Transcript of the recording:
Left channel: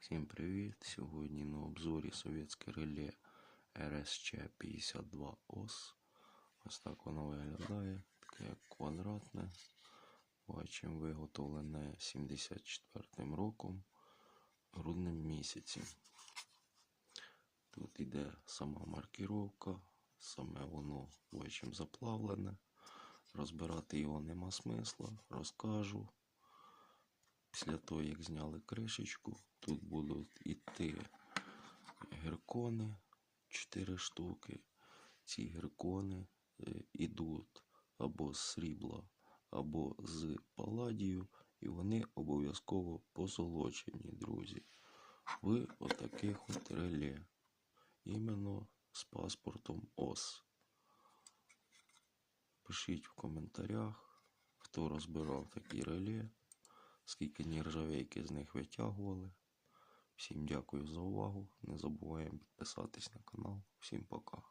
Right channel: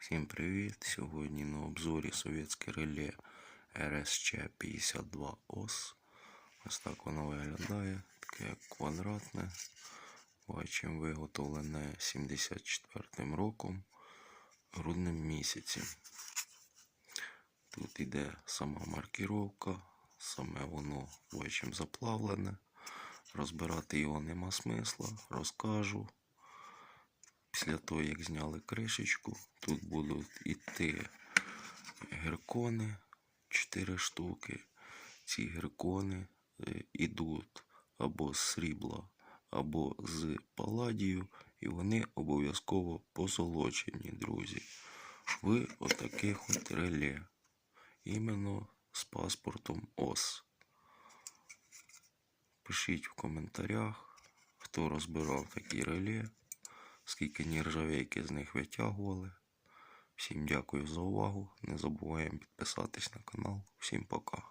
Всім привіт! Сьогодні на обзорі совєтське реле РСЧ-52 ОС. Ось так воно виглядає. Таке квадратне. Бачимо виготовлене 74 роком грудним місяці. Тут іде сама маркіровка, саме воно бачимо заплавлене. Розбирати його нема смисла, розкажу. Після того, як зняли кришечку, тут будуть іти геркони 4 штуки. Ці геркони е, ідуть або з срібла, або з паладію, і вони обов'язково позолочені, друзі. В отаких от реле. Іменно з паспортом ОС. Пишіть в коментарях, хто розбирав такі реле, скільки нержавейки з них витягували. Всім дякую за увагу. Не забуваємо підписатись на канал. Всім пока.